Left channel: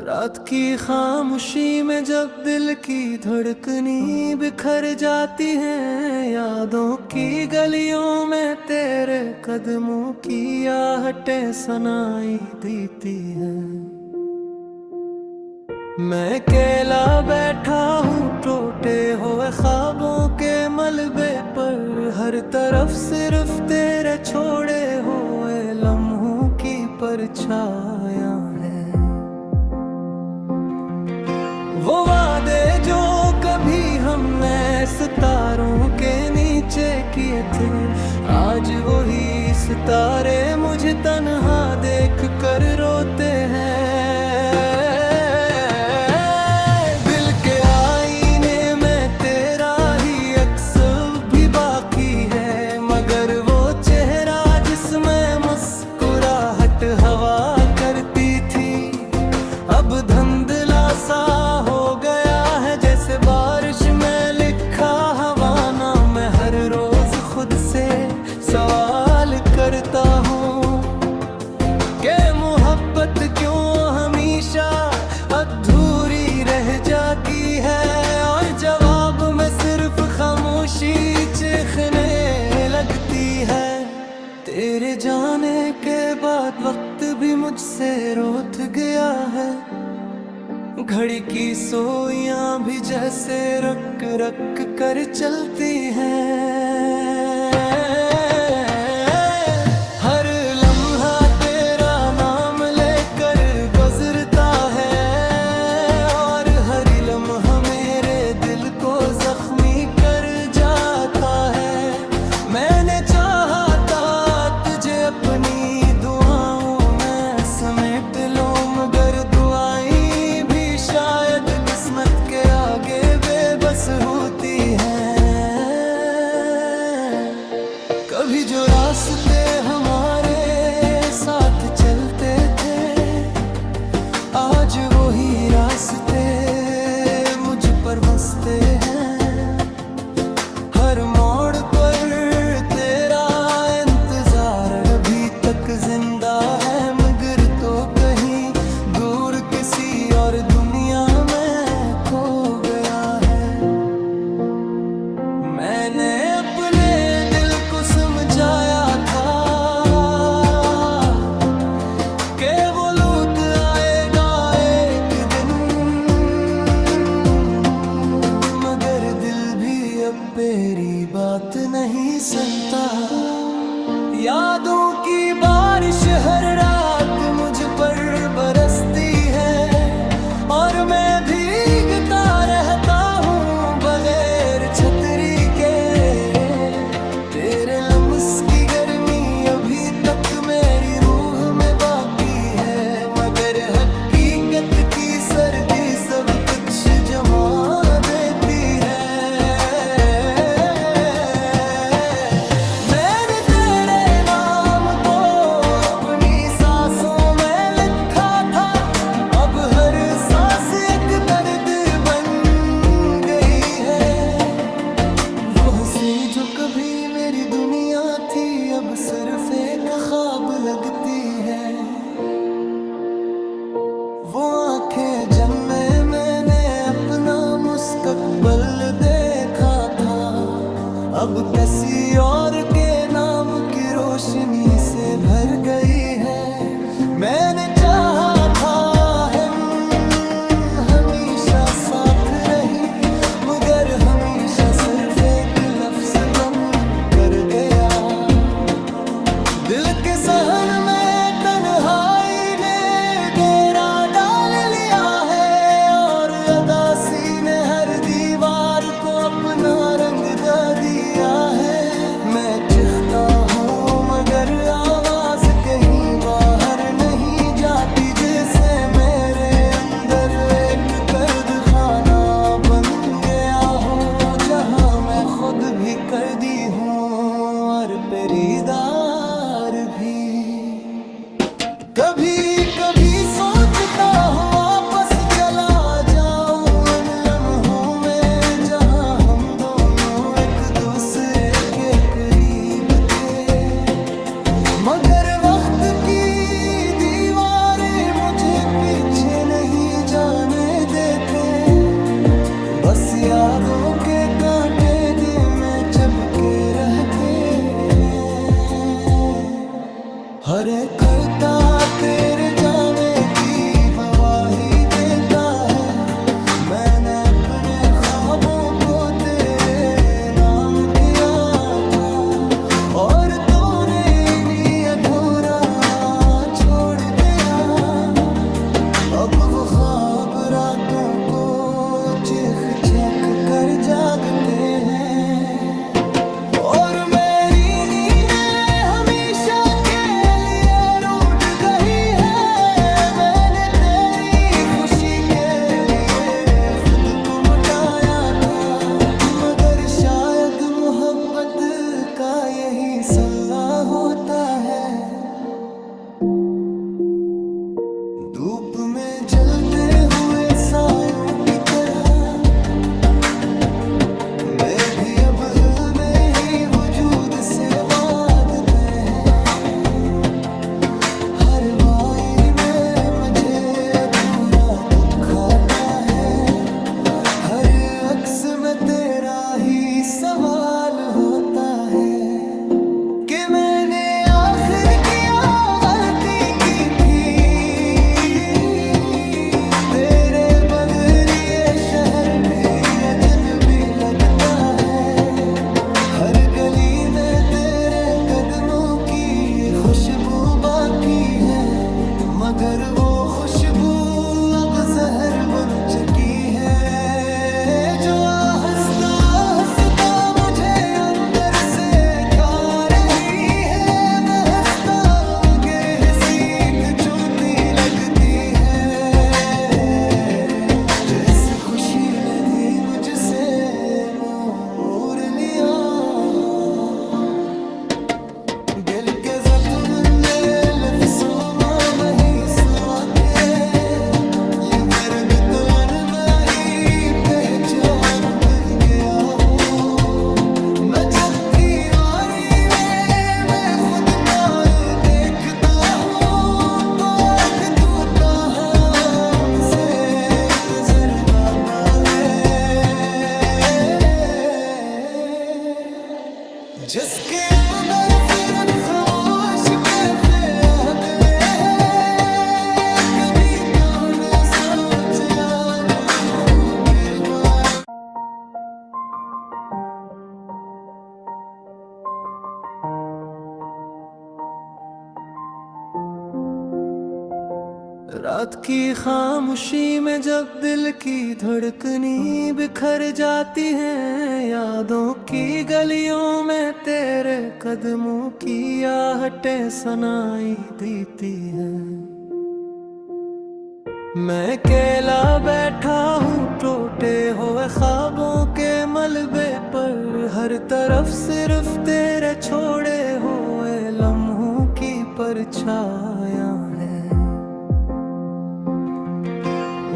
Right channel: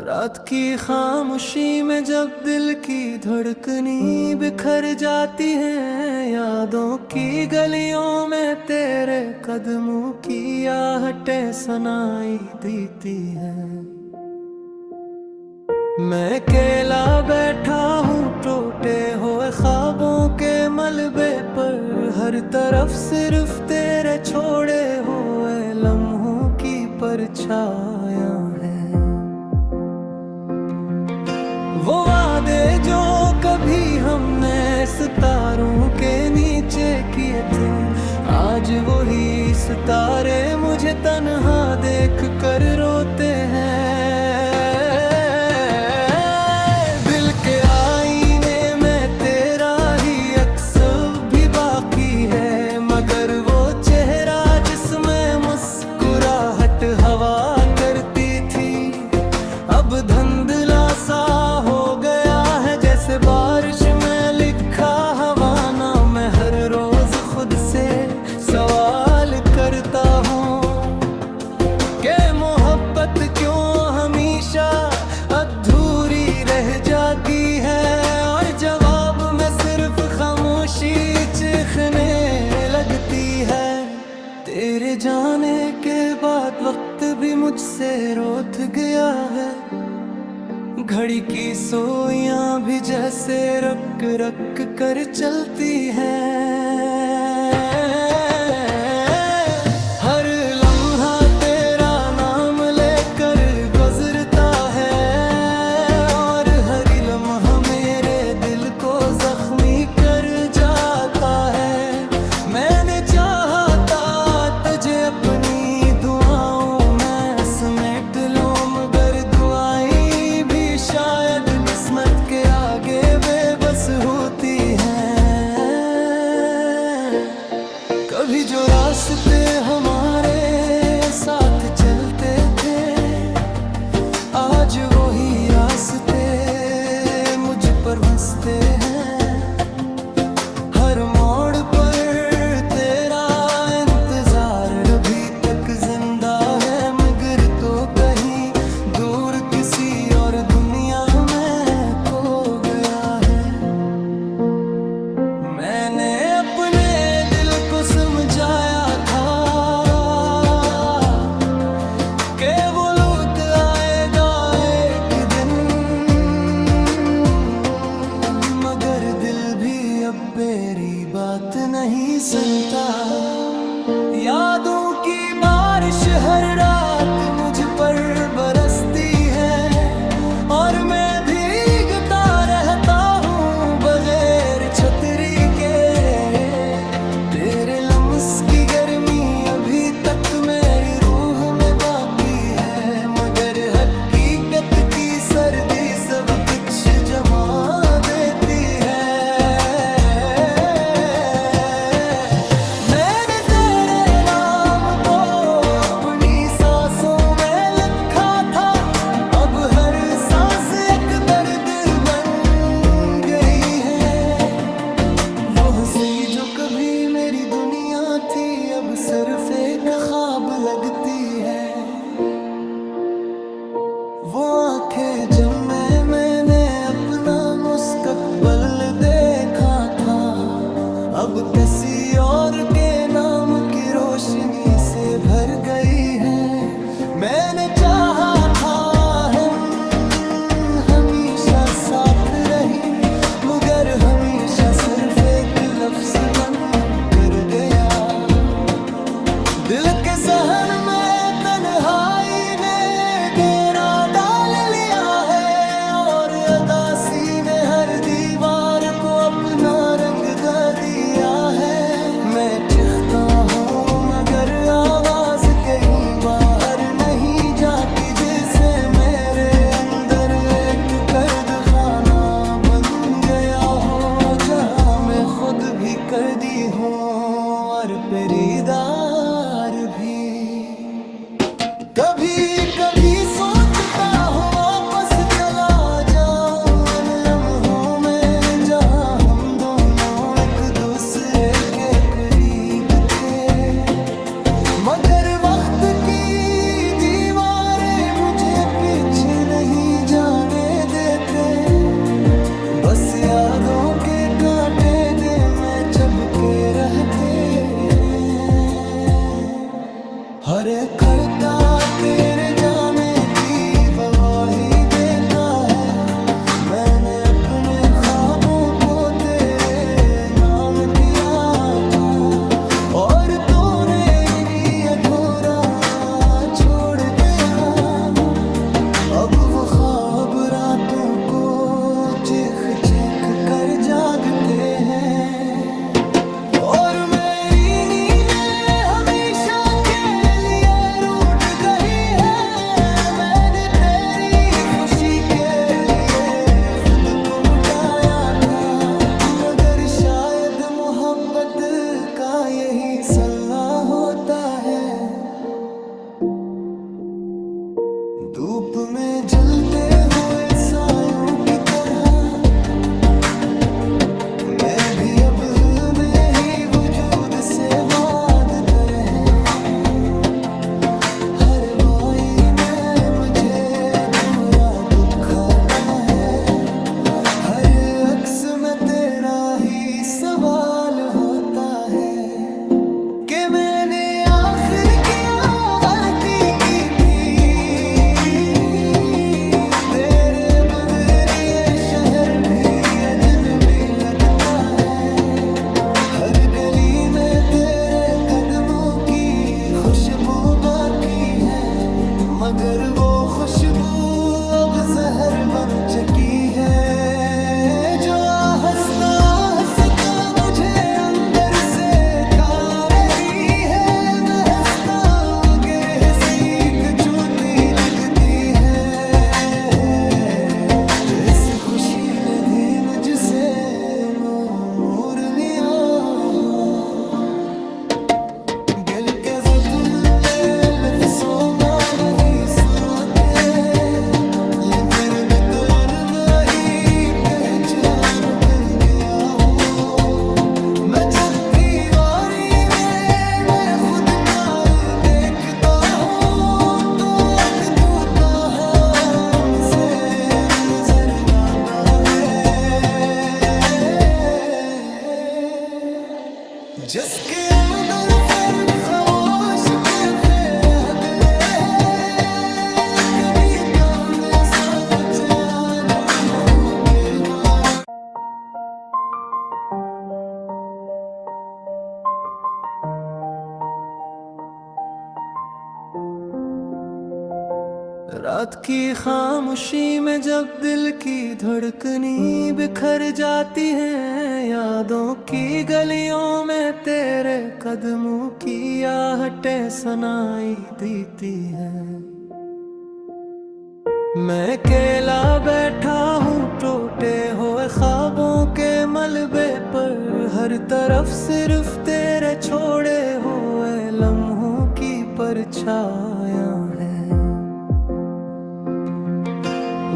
रात की खामोशी में जब दिल की धड़कनी बिखर जाती है, यादों की गलियों में तेरे कदमों की आहटें सुनाई देती है। मैं अकेला बैठा हूँ टूटे हुए ख्वाबों के मलबे पर, हर तरफ सिर्फ तेरे छोड़े हुए लम्हों की परछायां हैं। वो वादे जो कभी हमने सितारों के नीचे किए थे, आज वही सितारे मुझे तन्हा देख कर रोते हैं। दिल के आईने में तेरा ही अक्स भी बाकी है, मगर वो चेहरा जिसमें मुस्कुराहट हवा करती थी, अब धुंधला सा हो गया है जैसे बारिश में लिखा हवाना। मैं हर रोज खुद से सवाल करता हूँ कि मोहब्बत क्यों हमेशा अधूरी रह जाती है, और जवाब में सिर्फ खामोशी चीखने लगती है। तेरे जाने के बाद वक्त भी मुझसे रोत गया है, घड़ी की सोइयां भी जैसे रक रक कर चलती हैं। हर लम्हा तेरा नाम लेकर गुजरता है, और हर लम्हा मेरे दिल को जख्मी कर जाता है। मैंने चाहा था तुझे अपनी दुआओं में समेट लो, मगर दुआएं शायद किस्मत के आगे बेबस होती हैं। कभी जो रास्ते हमारे साथ चलते थे, आज वही रास्ते मुझ पर हंसते हैं। हर मोड़ पर तेरा इंतजार अभी तक जिंदा है, मगर तो कहीं दूर किसी और दुनिया में खो गया है। मैंने अपने दिल को समझाया था कि वो लौट आएगा एक दिन, मगर दिल भी अब मेरी बात नहीं सुनता। यादों की बारिश हर रात मुझ पर बरसती है, और मैं भीगता रहता हूँ बगैर छतरी के। तेरे लम्स की गर्मी अभी तक मेरी रूह में बाकी है, मगर हकीकत की सर्दी सब कुछ जमा देती है। मैंने तेरे नाम को अपनी सांसों में लिखा था, अब हर सांस एक दर्द बन गई है। वो हंसी जो कभी मेरी दुनिया थी, अब सिर्फ एक ख्वाब लगती है। वो आंखें जिनमें मैंने अपना मुस्तकबिल देखा था, अब किसी और के नाम की रोशनी से भर गई है। मैंने चाहा था हम हमेशा साथ रही, मगर हमेशा सिर्फ एक लफ्ज बन कर गया। दिल के सहन में तन्हाई ने डेरा डाल लिया है, और अदासी ने हर दीवार को अपना रंग दे दिया है। मैं चिखता हूँ मगर आवाज कहीं बाहर नहीं जाती, जैसे मेरे अंदर एक कैद खाना बन गया हो, जहाँ मैं खुद भी कैदी हूँ और पेरीदार भी। कभी कभी सोचता हूँ वापस चला जाऊं इन लम्हों में, जहाँ हम दोनों एक दूसरे के करीब थे, मगर वक्त की दीवारें मुझे पीछे नहीं यादों के कांटे दिल में चुभके रहते हैं। हर एक खता तेरे जामे की गवाही देता है। मैंने अपने ख्वाबों को तेरे नाम किया था और तूने इन्हीं अधूरा छोड़ दिया। अब वो ख्वाब रातों को चिख चख कर जागते हैं और मेरी नींदें हमेशा के लिए रूठ गई है। मैंने तेरी खुशी के लिए खुद को मिटाया था, मगर शायद मोहब्बत का यही सल्ला होता है। धूप में जलते हुए सायों की तरह मैं भी अब में ही वजूद से वादतर है। हर वाई में मुझे अधूरा दुख आता है। हर अक्स में तेरा ही सवाल होता है कि मैंने आखिर क्या गलती की थी। तेरे बगैर ये शहर भी अजनबी लगता है। हर गली में तेरे कदमों की खुशबू बाकी है, मगर वो खुशबू अब जहर बन चुकी है जो हंसता हंसता मुझे अंदर से खा रही है। मैं हंसता हूँ गिर सीख झूठी लगती है। जिस खुशी ने भी मुझसे मुंह मोड़ लिया हो, दिल के ज़तुल लफ्ज़ों में नहीं सुवाते। ये दर्द तो वही पहचान बन गया हूँ मैं। जब दीवारी में मैं खुद को देखता हूँ तो एक टूटा हमसे नजर आता है। जिसके अंदर फिर खामोश कैफे आते हैं, कभी तौबे सोच लम्हों बेगाना। रात की खामोशी में जब दिल की धड़कनी बिखर जाती है, यादों की गलियों में तेरे कदमों की आहटें सुनाई देती है। मैं अकेला बैठा हूँ टूटे हुए ख्वाबों के मलबे पर। हर तरफ सिर्फ तेरे छोड़े हुए लम्हों की परछायां हैं।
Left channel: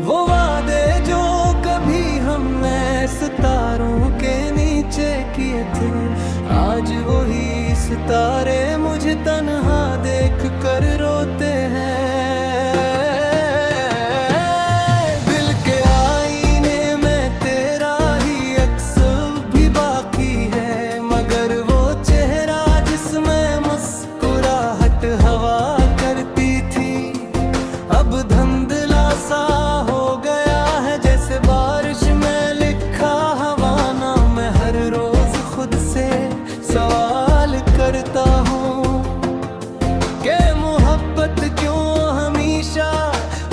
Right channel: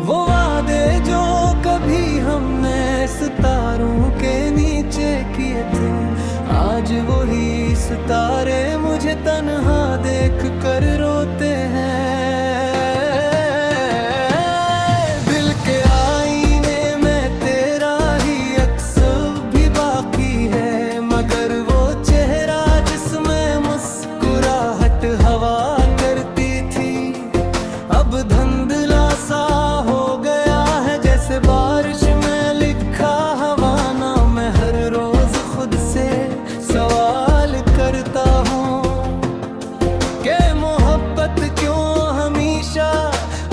वो वादे जो कभी हमने सितारों के नीचे किए थे, आज वही सितारे मुझे तन्हा देख कर रोते हैं। दिल के आईने में तेरा ही अक्स भी बाकी है, मगर वो चेहरा जिसमें मुस्कुराहट हवा करती थी अब धुंधला सा हो गया है। जैसे बारिश में लिखा हवाना, मैं हर रोज खुद से सवाल करता हूँ कि मोहब्बत क्यों हमेशा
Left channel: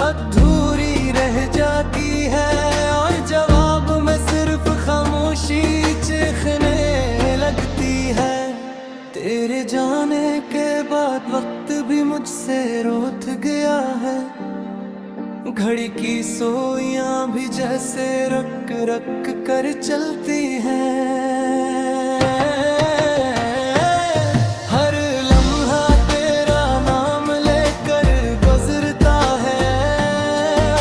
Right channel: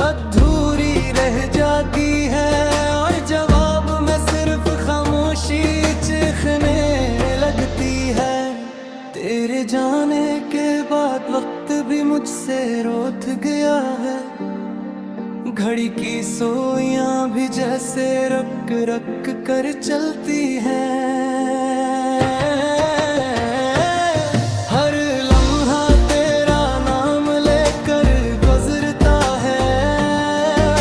अधूरी रह जाती है। और जवाब में सिर्फ खामोशी चीखने लगती है। तेरे जाने के बाद वक्त भी मुझसे रोत गया है। घड़ी की सोइयां भी जैसे रक रक कर चलती हैं। हर लम्हा तेरा नाम लेकर गुजरता है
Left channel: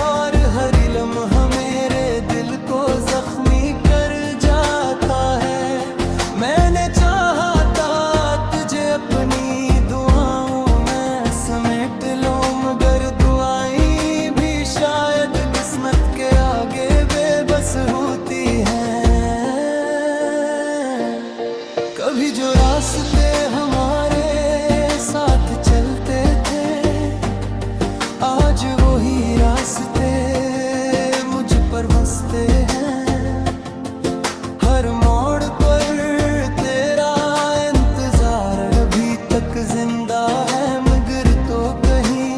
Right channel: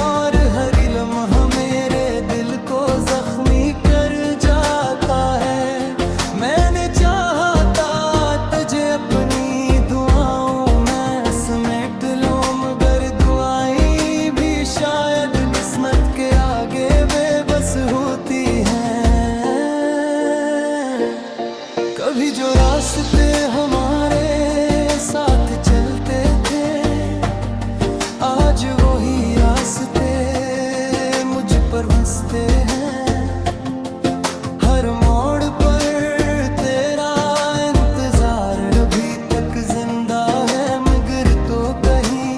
और हर लम्हा मेरे दिल को जख्मी कर जाता है। मैंने चाहा था तुझे अपनी दुआओं में समेट लो, मगर दुआएं भी शायद किस्मत के आगे बेबस होती हैं। कभी जो रास्ते हमारे साथ चलते थे, आज वही रास्ते मुझ पर हंसते हैं। हर मोड़ पर तेरा इंतजार अभी तक जिंदा है, मगर तो कहीं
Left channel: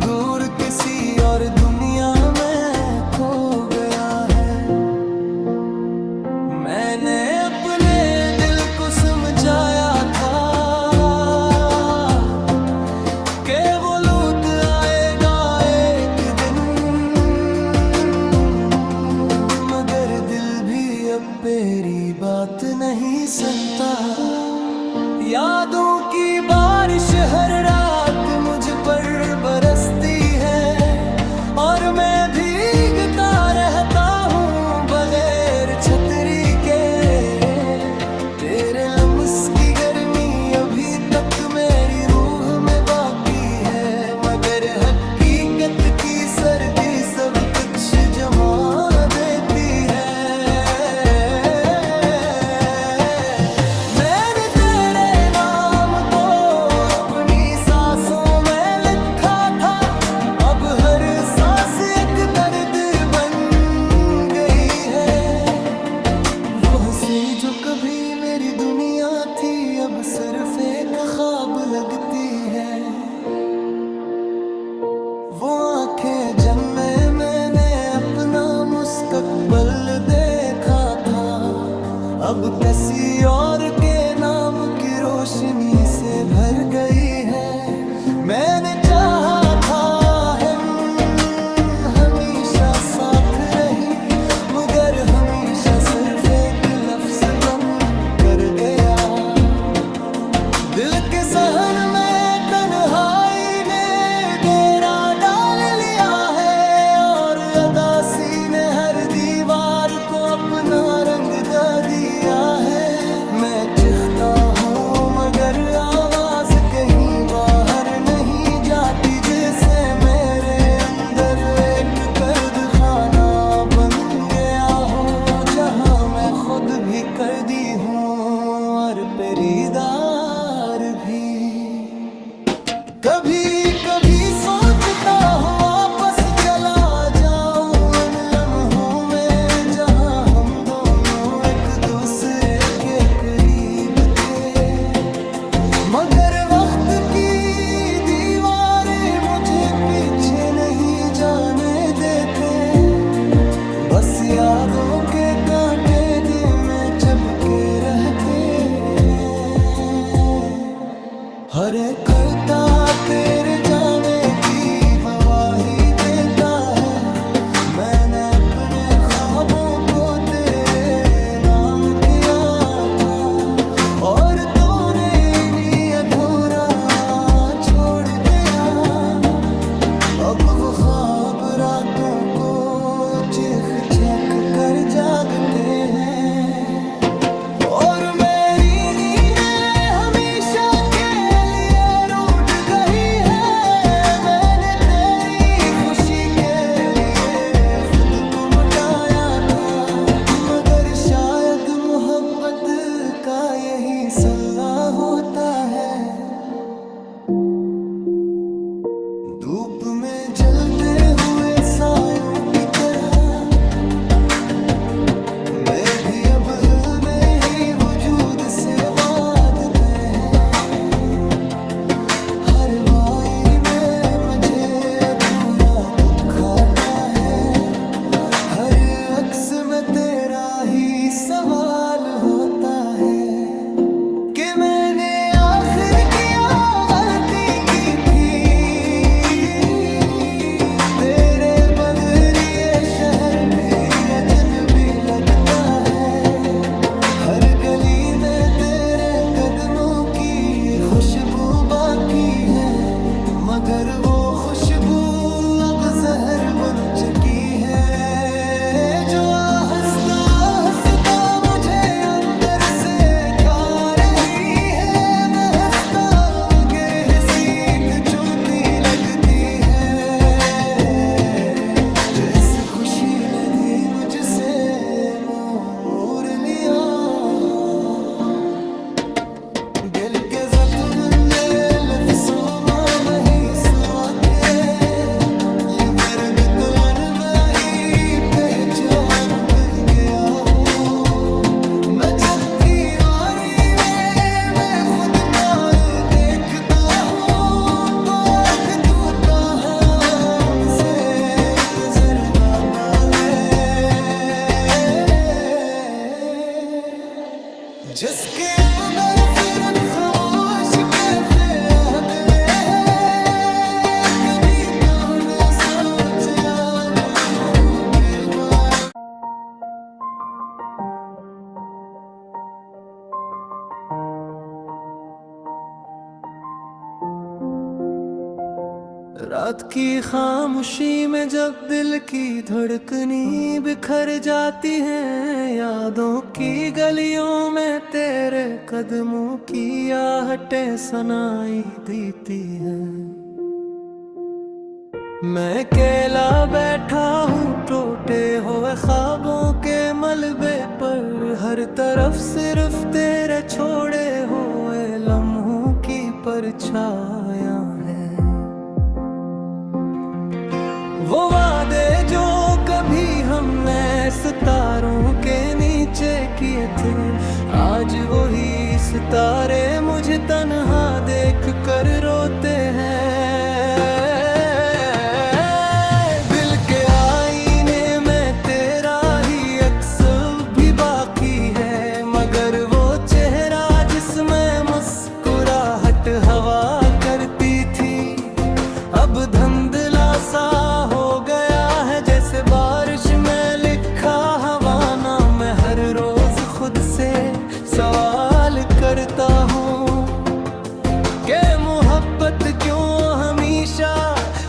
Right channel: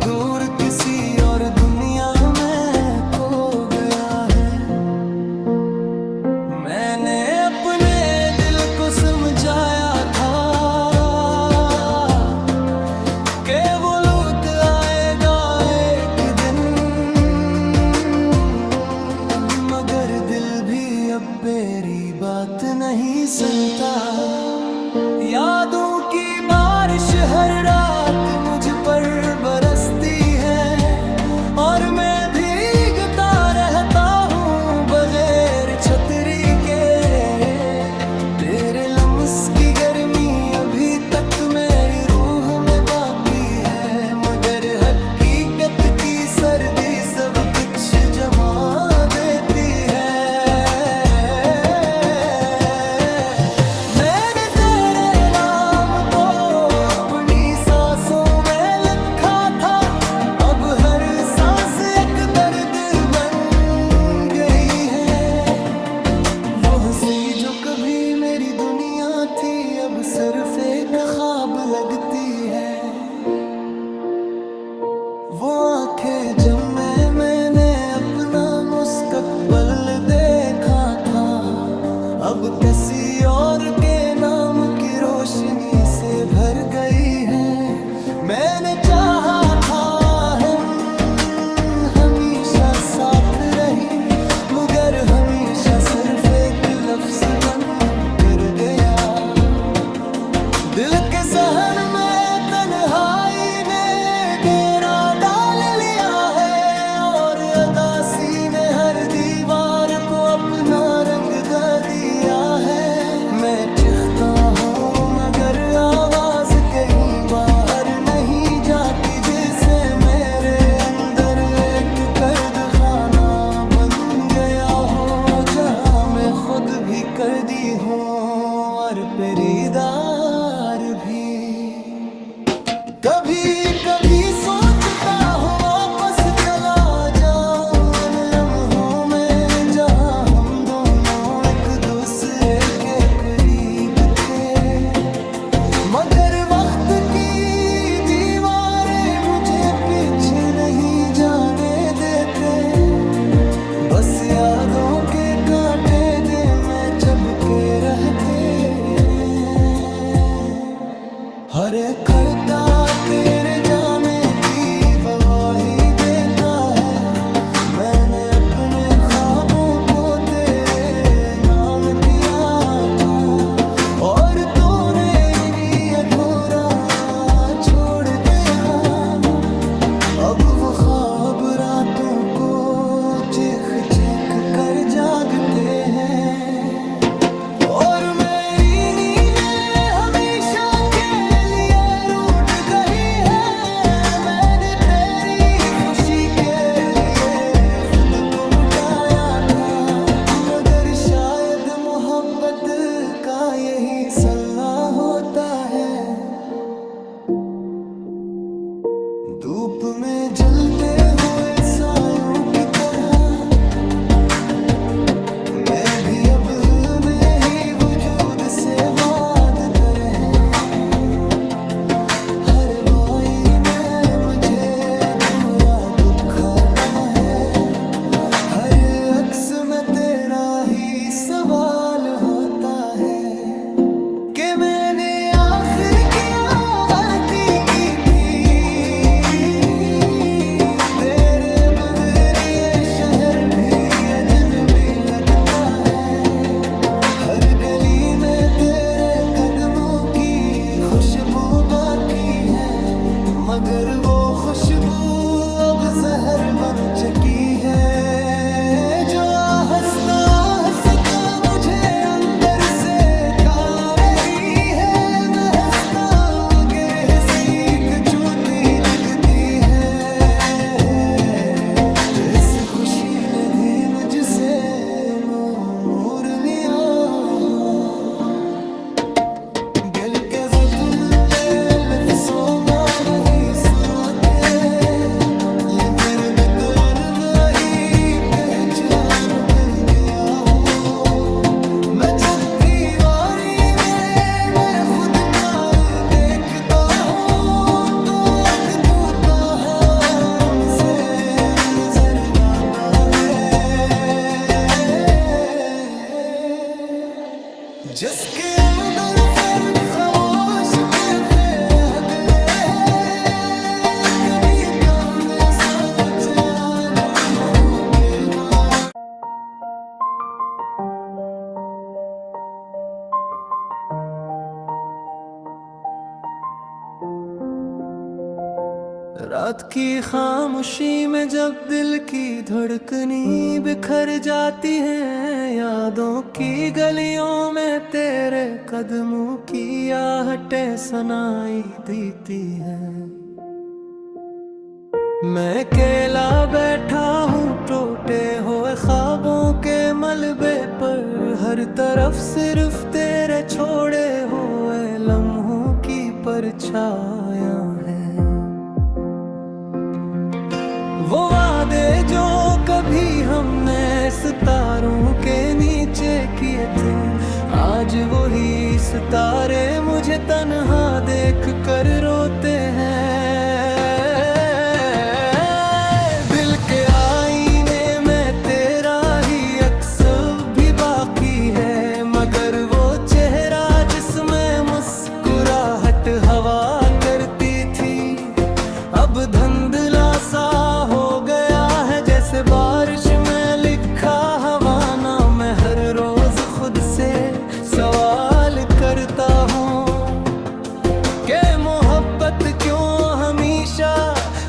दूर किसी और दुनिया में खो गया है। मैंने अपने दिल को समझाया था कि वो लौट आएगा एक दिन, मगर दिल भी अब मेरी बात नहीं सुनता। यादों की बारिश हर रात मुझ पर बरसती है, और मैं भीगता रहता हूँ बगैर छतरी के। तेरे लम्स की गर्मी अभी तक मेरी रूह में बाकी है, मगर हकीकत की सर्दी सब कुछ जमा देती है। मैंने तेरे नाम को अपनी सांसों में लिखा था, अब हर सांस एक दर्द बन गई है। वो हंसी जो कभी मेरी दुनिया थी, अब सिर्फ एक ख्वाब लगती है। वो आंखें जिनमें मैंने अपना मुस्तकबिल देखा था, अब किसी और के नाम की रोशनी से भर गई है। मैंने चाहा था हम हमेशा साथ रही, मगर हमेशा सिर्फ एक लफ्ज बन कर गया। दिल के सहन में तन्हाई ने डेरा डाल लिया है, और अदासी ने हर दीवार को अपना रंग दे दिया है। मैं चिखता हूँ मगर आवाज कहीं बाहर नहीं जाती, जैसे मेरे अंदर एक कैद खाना बन गया हो, जहाँ मैं खुद भी कैदी हूँ और पेरीदार भी। कभी कभी सोचता हूँ वापस चला जाऊं इन लम्हों में, जहाँ हम दोनों एक दूसरे के करीब थे, मगर वक्त की दीवारें मुझे पीछे नहीं जाने देते। बस यादों के कांटे दिल में चुभके रहते हैं। हर एक खता तेरे जाने की गवाही देता है। मैंने अपने ख्वाबों को तेरे नाम किया था, और तूने इन्हीं अधूरा छोड़ दिया। अब वो ख्वाब रातों को चीख चीख कर जागते हैं, और मेरी नींदें हमेशा के लिए रूठ गई है। मैंने तेरी खुशी के लिए खुद को मिटाया था, मगर शायद मोहब्बत का यही सल्ला होता है। धूप में जलते हुए सायों की तरह मैं भी अब में ही वजूद से वाद तर है। हर वाई में मुझे अधूरा दुखाता है, हर अक्स में तेरा ही सवाल होता है कि मैंने आखिर क्या गलती की थी। तेरे बगैर ये शहर भी अजनबी लगता है, हर गली में तेरे कदमों की खुशबू बाकी है, मगर वो खुशबू अब जहर बन चुकी है। जो हंसता हंसता मुझे अंदर से खा रही है, मैं हंसता हूँ गिर सीख झूठी लगती है। जिस खुशी ने भी मुझसे मुंह मोड़ लिया, जग की वारी में मैं खुद को देखता हूँ तो आज टूटा हमसे नजर आता है। जिसके अंदर फिर खामोश कैफे रहते हैं, कभी तौबे सोचे लम्हों बेबार। रात की खामोशी में जब दिल की धड़कनी बिखर जाती है, यादों की गलियों में तेरे कदमों की आहटें सुनाई देती है। मैं अकेला बैठा हूँ टूटे हुए ख्वाबों के मलबे पर, हर तरफ सिर्फ तेरे छोड़े हुए लम्हों की परछाया है। वो वादे जो कभी हमने सितारों के नीचे किए थे, आज वही सितारे मुझे तन्हा देख कर रोते हैं। दिल के आईने में तेरा ही अक्स भी बाकी है, मगर वो चेहरा जिसमें मुस्कुराहट हवा करती थी, अब धुंधला सा हो गया है जैसे बारिश में लिखा हवाना। मैं हर रोज खुद से सवाल करता हूँ कि मोहब्बत क्यों हमेशा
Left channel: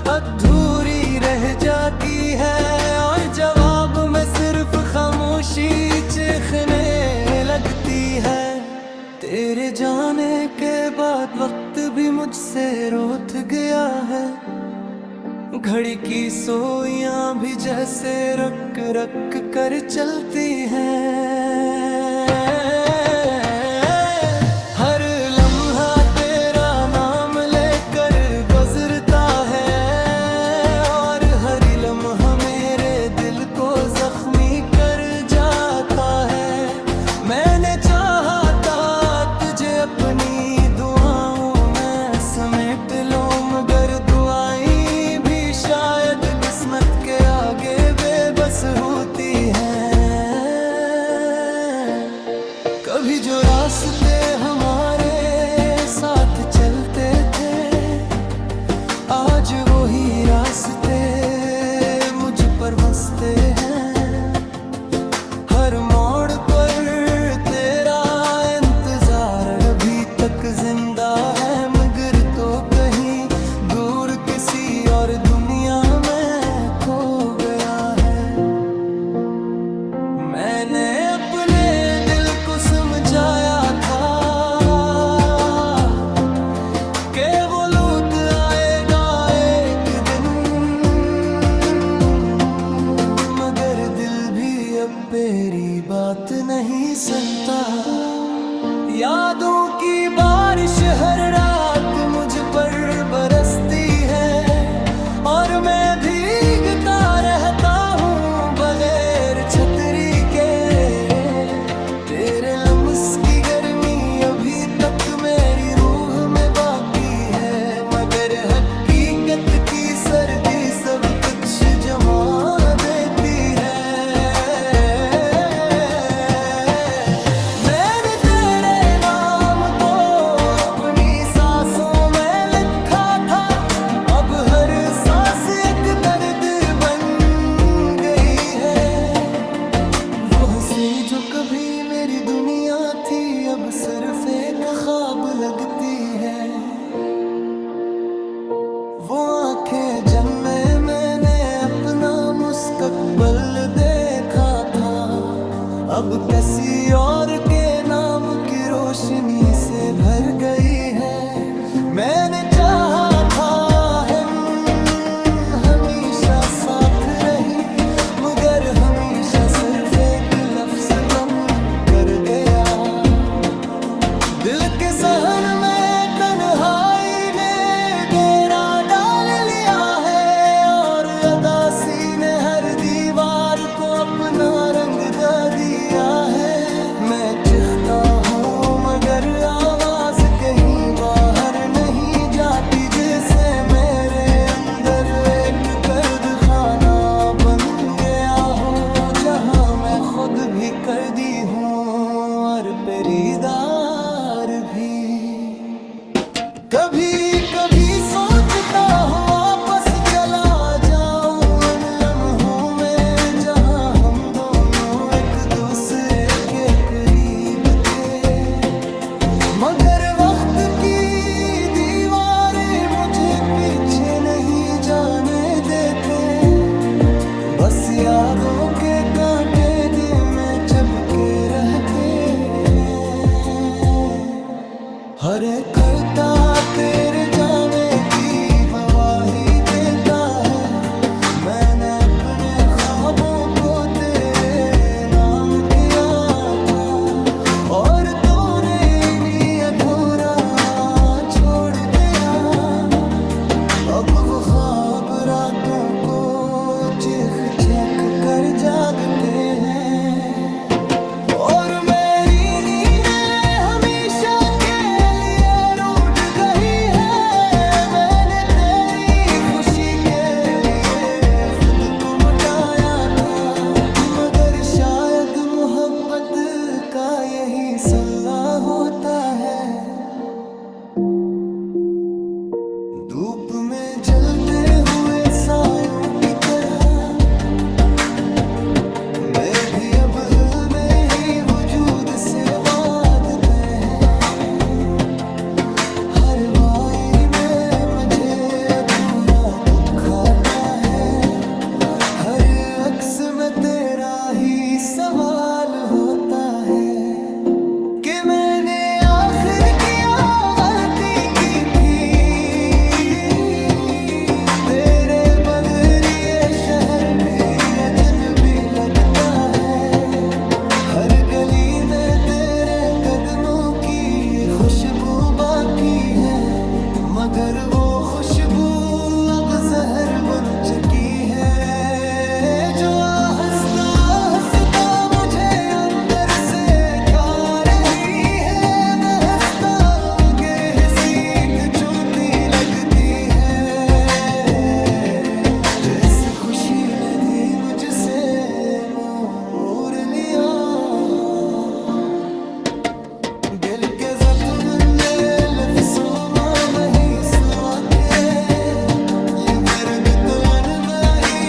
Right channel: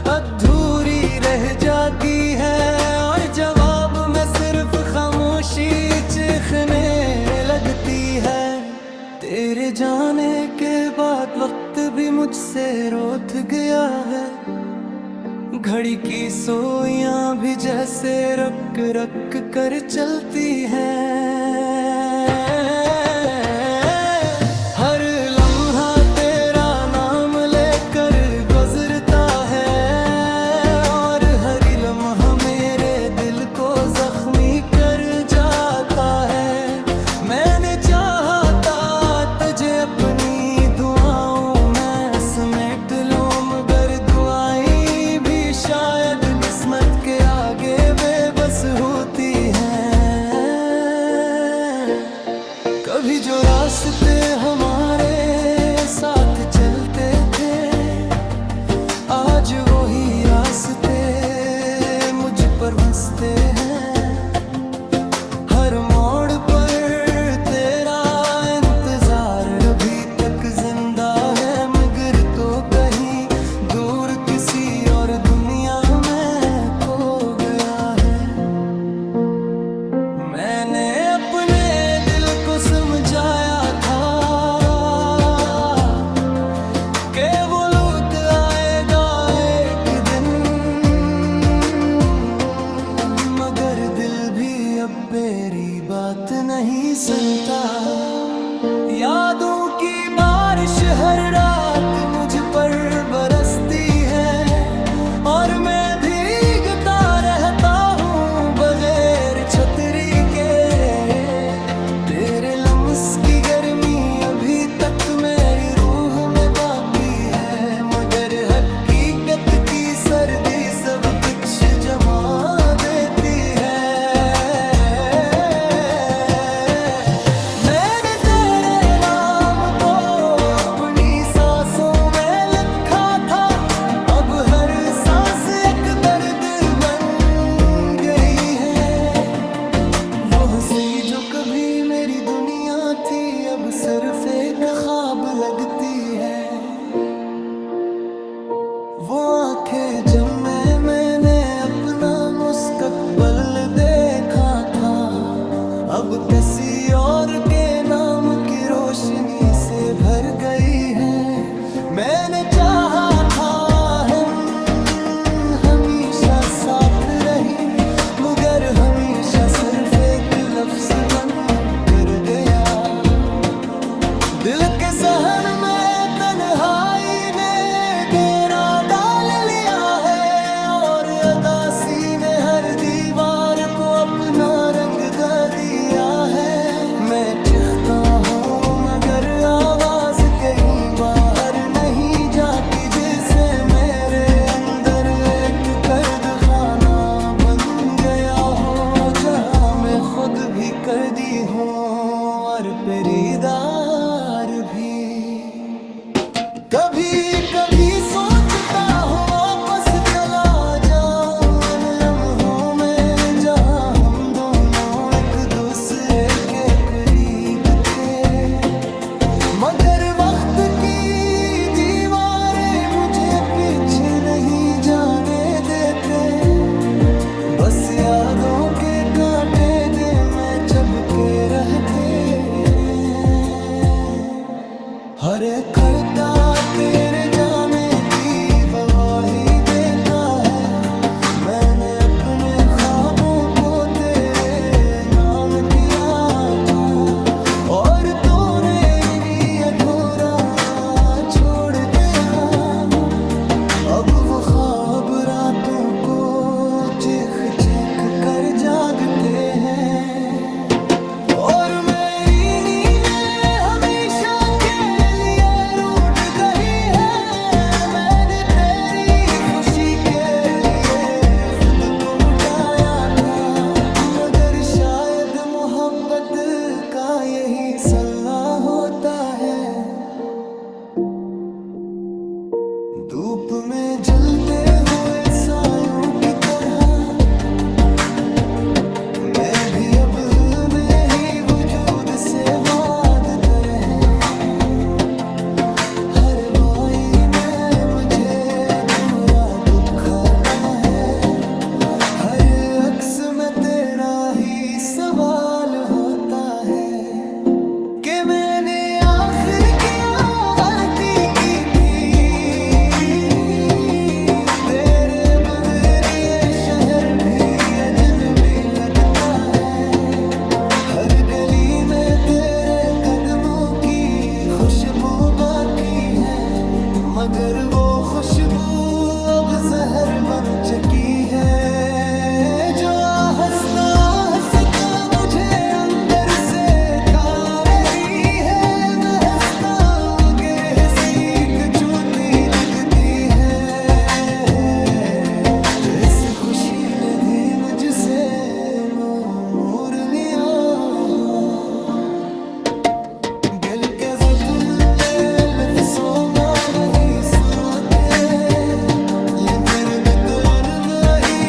अधूरी रह जाती है, और जवाब में सिर्फ खामोशी चीखने लगती है। तेरे जाने के बाद वक्त भी मुझसे रोत गया है, घड़ी की सोइयां भी जैसे रक रक कर चलती हैं। हर लम्हा तेरा नाम लेकर गुजरता है, और हर लम्हा मेरे दिल को जख्मी कर जाता है। मैंने चाहा था तुझे अपनी दुआओं में समेट लो, मगर दुआएं शायद किस्मत के आगे बेबस होती हैं। कभी जो रास्ते हमारे साथ चलते थे, आज वही रास्ते मुझ पर हंसते हैं। हर मोड़ पर तेरा इंतजार अभी तक जिंदा है, मगर तो कहीं दूर किसी और दुनिया में खो गया है। मैंने अपने दिल को समझाया था कि वो लौट आएगा एक दिन, मगर दिल भी अब मेरी बात नहीं सुनता। यादों की बारिश हर रात मुझ पर बरसती है, और मैं भीगता रहता हूँ बगैर छतरी के। तेरे लम्स की गर्मी अभी तक मेरी रूह में बाकी है, मगर हकीकत की सर्दी सब कुछ जमा देती है। मैंने तेरे नाम को अपनी सांसों में लिखा था, अब हर सांस एक दर्द बन गई है। वो हंसी जो कभी मेरी दुनिया थी, अब सिर्फ एक ख्वाब लगती है। वो आंखें जिनमें मैंने अपना मुस्तकबिल देखा था, अब किसी और के नाम की रोशनी से भर गई है। मैंने चाहा था हम हमेशा साथ रही, मगर हमेशा सिर्फ एक लफ्ज बन कर गया। दिल के सहन में तन्हाई ने डेरा डाल लिया है, और उदासी ने हर दीवार को अपना रंग दे दिया है। मैं लिखता हूँ मगर आवाज कहीं बाहर नहीं जाती, जैसे मेरे अंदर एक कैद खाना बन गया हो, जहाँ मैं खुद भी कैदी हूँ और पेरीदार भी। कभी कभी सोचता हूँ वापस चला जाऊं इन लम्हों में, जहाँ हम दोनों एक दूसरे के करीब थे, मगर वक्त की दीवारें मुझे पीछे नहीं जाने देते। बस यादों के कांटे दिल में चुभके रहते हैं। हर एक करता तेरे जाने की गवाही देता है, मैंने अपने ख्वाबों को तेरे नाम किया था, और तूने इन्हीं अधूरा छोड़ दिया। अब वो ख्वाब रातों को चिख चख कर जागते हैं, और मेरी नींदें हमेशा के लिए रूठ गई है। मैंने तेरी खुशी के लिए खुद को मिटाया था, मगर शायद मोहब्बत का यही सल्ला होता है। धूप में जलते हुए सायों की तरह मैं भी अब में ही वजूद से वादतर है। हर वाई में मुझे अधूरा दुख आता है, हर अक्स में तेरा ही सवाल होता है कि मैंने आखिर क्या गलती की थी। तेरे बगैर ये शहर भी अजनबी लगता है, हर गली में तेरे कदमों की खुशबू बाकी है, मगर वो खुशबू अब जहर बन चुकी है, जो हंसता हंसता मुझे अंदर से खा रही है। मैं हंसता हूँ गिर सीख झूठी लगती है, जिस खुशी ने भी मुझसे मुंह मोड़ लिया। दिल के जख्म ले लफ्ज़ों में नहीं सुआ के, ये दर्द तो अनवही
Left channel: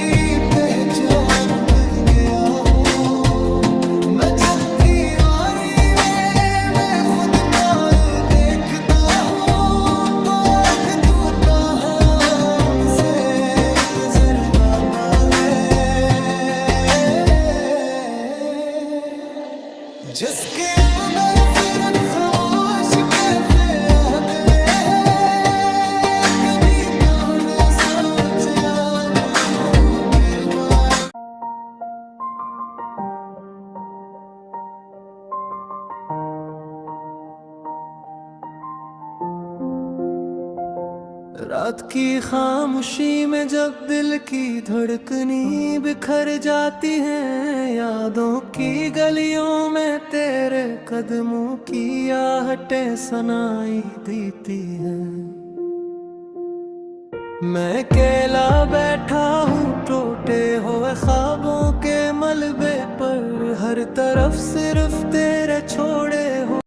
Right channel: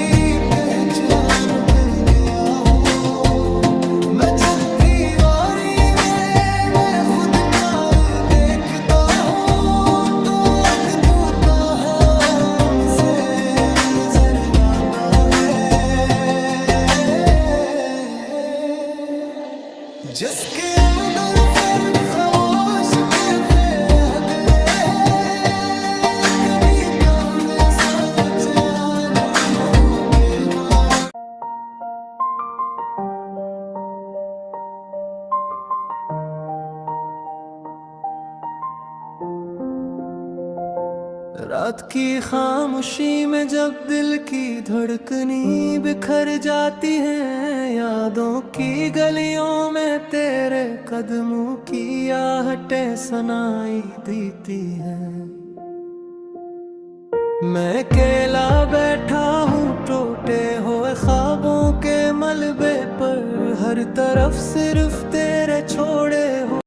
पहचान बन गया हूँ। मैं जब दीवारी में मैं खुद को देखता हूँ, तो आज टूटा हमसे नजर आता है, जिसके अंदर फिर खामोश कैफे आदे हैं। कभी कभी सोच लम्हों बेबार। रात की खामोशी में जब दिल की धड़कनी बिखर जाती है, यादों की गलियों में तेरे कदमों की आहटें सुनाई देती हैं। मैं अकेला बैठा हूँ टूटे हुए ख्वाबों के मलबे पर, हर तरफ सिर्फ तेरे छोड़े